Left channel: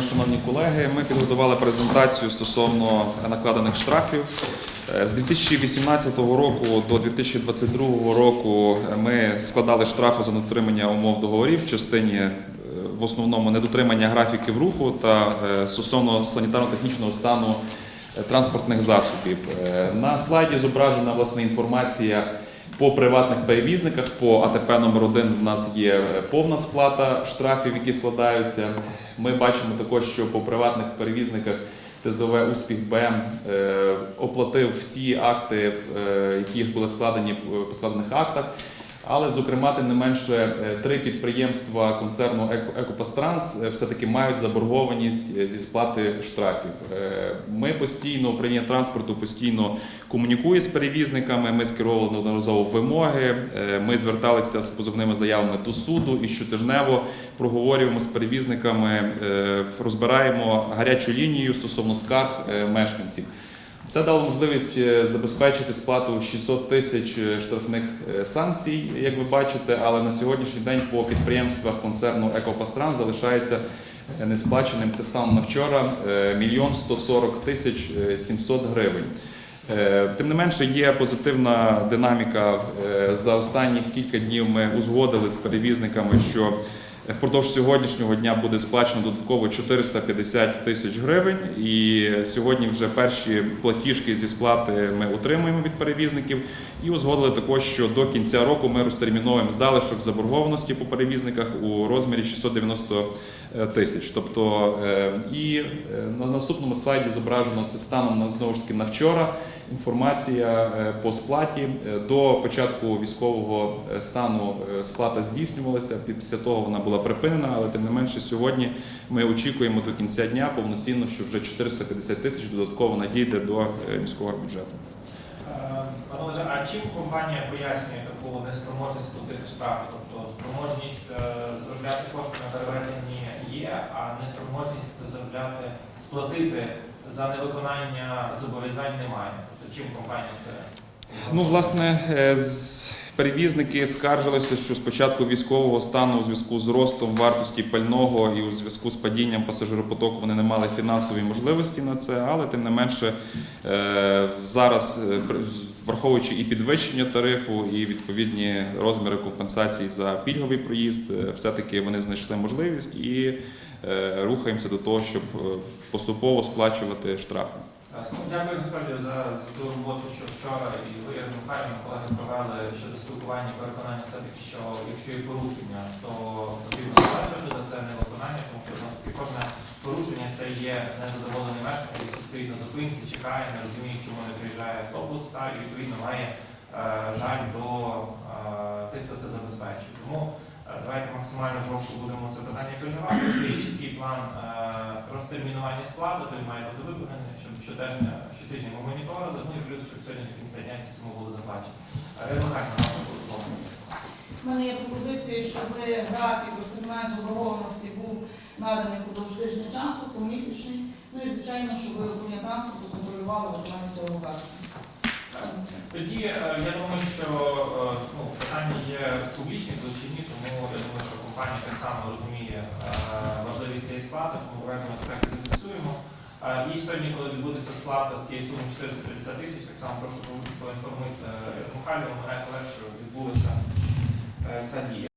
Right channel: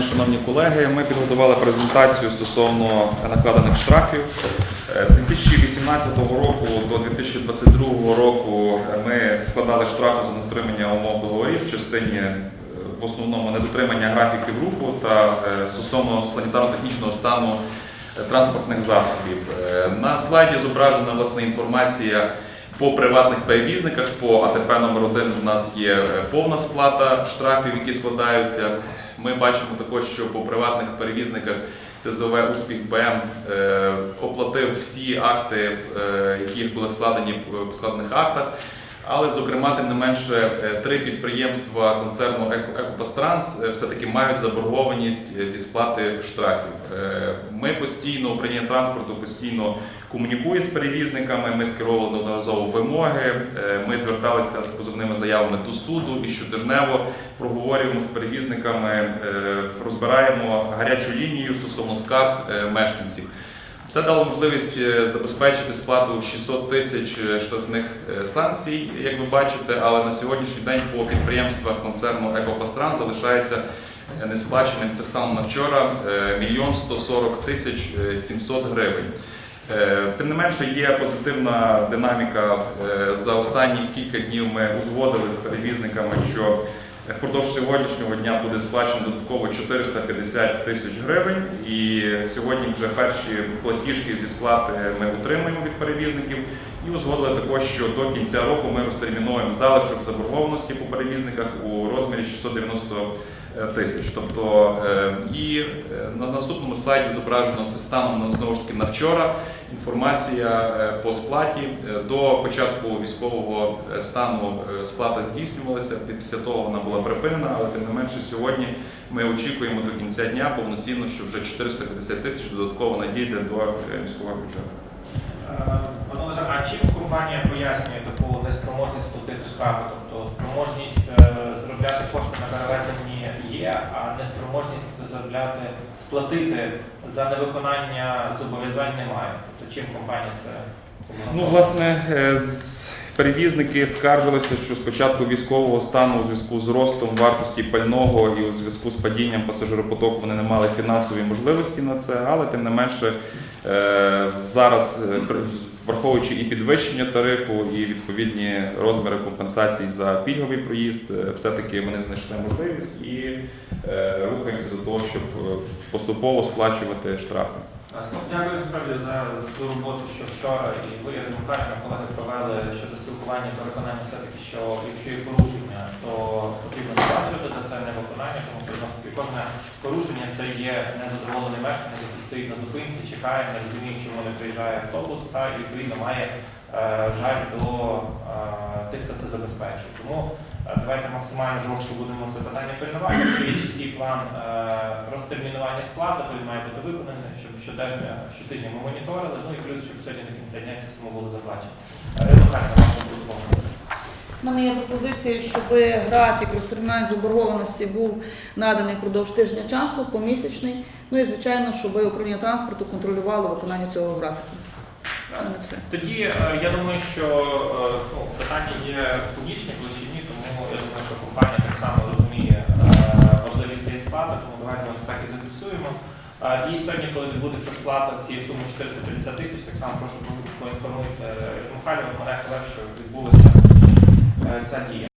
дня, шановні колеги. Ми підготували презентацію стосовно накладених штрафів. Е, З 2018 року до 2022 року ми складали штрафи за недотримання умов договорів в частині е, в основному недотримання графіків руху та е, стосовно санітарно-технічного стану транспортних засобів. На слайді зображена власне інформація по приватних перевізниках. По АТП номер 1 у нас є повна сплата штрафів, які складаються. Ми бачимо також, що по приватних перевізниках ТЗОВ Успіх БМ е, оплатив всі акти, е, які були складені е, по складених актах. Але, зокрема, тим не менше, е, три підприємства концерну «Еко- Екопастранс е, все-таки мають заборгованість е, зі сплати штрафів. Ми постійно, управління транспорту постійно комунікує з перевізниками, ми скеровували неодноразово вимоги, ми зверталися з позовними заявами до суду і щотижнево проговорюємо з перевізниками, розбираємо гарячу лінію стосовно скарг мешканців. Це дало можливість е, забезпечити сплату 600 тисяч е, штрафних е, санкцій, як ви бачите, але на сьогоднішній день по підприємствах концерну Екопастран залишається несплаченим. Це станом на вчора е, мільйон 140 тисяч е, 700 гривень. Тим не менше, є позитивна динаміка. За останні кілька днів ми узгодили з перевізниками, що впродовж сьогоднішнього дня буде сплачено додатково 450 тисяч гривень. І сьогодні вже перші платіжки зі сплати ми отримуємо від перевізників. І узгодили також, що до кінця року ми розтерміновуємо залишок заборгованості по перевізниках у розмірі 690 тисяч. Тобто е, і е, на наступному слайді зображено це станом на знову ж таки на вчора. Інформація е, по сплаті Е, до початку військового е, стану сплата здійснювалася. Після того вона була припинена, але тим не менше сьогодні ми очікуємо до кінця дня повноцінно, що вже 450 тисяч додатково надійде до міського бюджету. Пане Олеже, а чим компанія пояснює таку неспроможність платити штрафи? Тобто спроможність заробляти кошти на перевезенні є, а неспроможність заробляти сплатити за невиконання зобов'язань немає. То чим компанія це? Ну, власне, е, перевізники скаржилися, що спочатку військового стану у зв'язку з ростом вартості пального і у зв'язку з падінням пасажиропотоку вони не мали фінансової можливості на це, але тим не менше е, зараз, е, враховуючи і підвищення тарифу, і відповідні розміри компенсацій за пільговий проїзд, е, все-таки вони знайшли можливість і е, рухаємося до того, щоб е, поступово сплачувати штрафи. Ну, Дякую насправді за, ту роботу, що вчора і Ірина колеги провели щодо спілкування та виконання все-таки, що якщо є порушення, то потрібно сплачувати за це невиконання, тому що кожне порушення це є незадоволений чекає, не розуміє, чому не приїжджає автобус, та і відповідно має е, жаль до е, тих, хто це забезпечує. Тому е, давайте максимально жорстко будемо це питання пильнувати. Чіткий план е, розтермінування сплати, той має бути виконаний, щоб щотижня ми моніторили, ну і плюс, щоб сьогодні до кінця дня ці суми були заплачені. Пропозиція, щоб графік розтермінування заборгованості був наданий впродовж тижня часу, помісячний. Ну і звичайно, щоб управління транспорту контролювало виконання цього графіку. У мене все. Тоді е, я думаю, що е, ну, питання є публічні, площині, тому я думаю, що компанія так само розуміє е, важливість цієї сплати, тому давайте ми так і зафіксуємо. І сьогодні, коли відбудеться сплата цієї суми 450 тисяч, так само прошу поінформуйте Михайло, мене 呃三级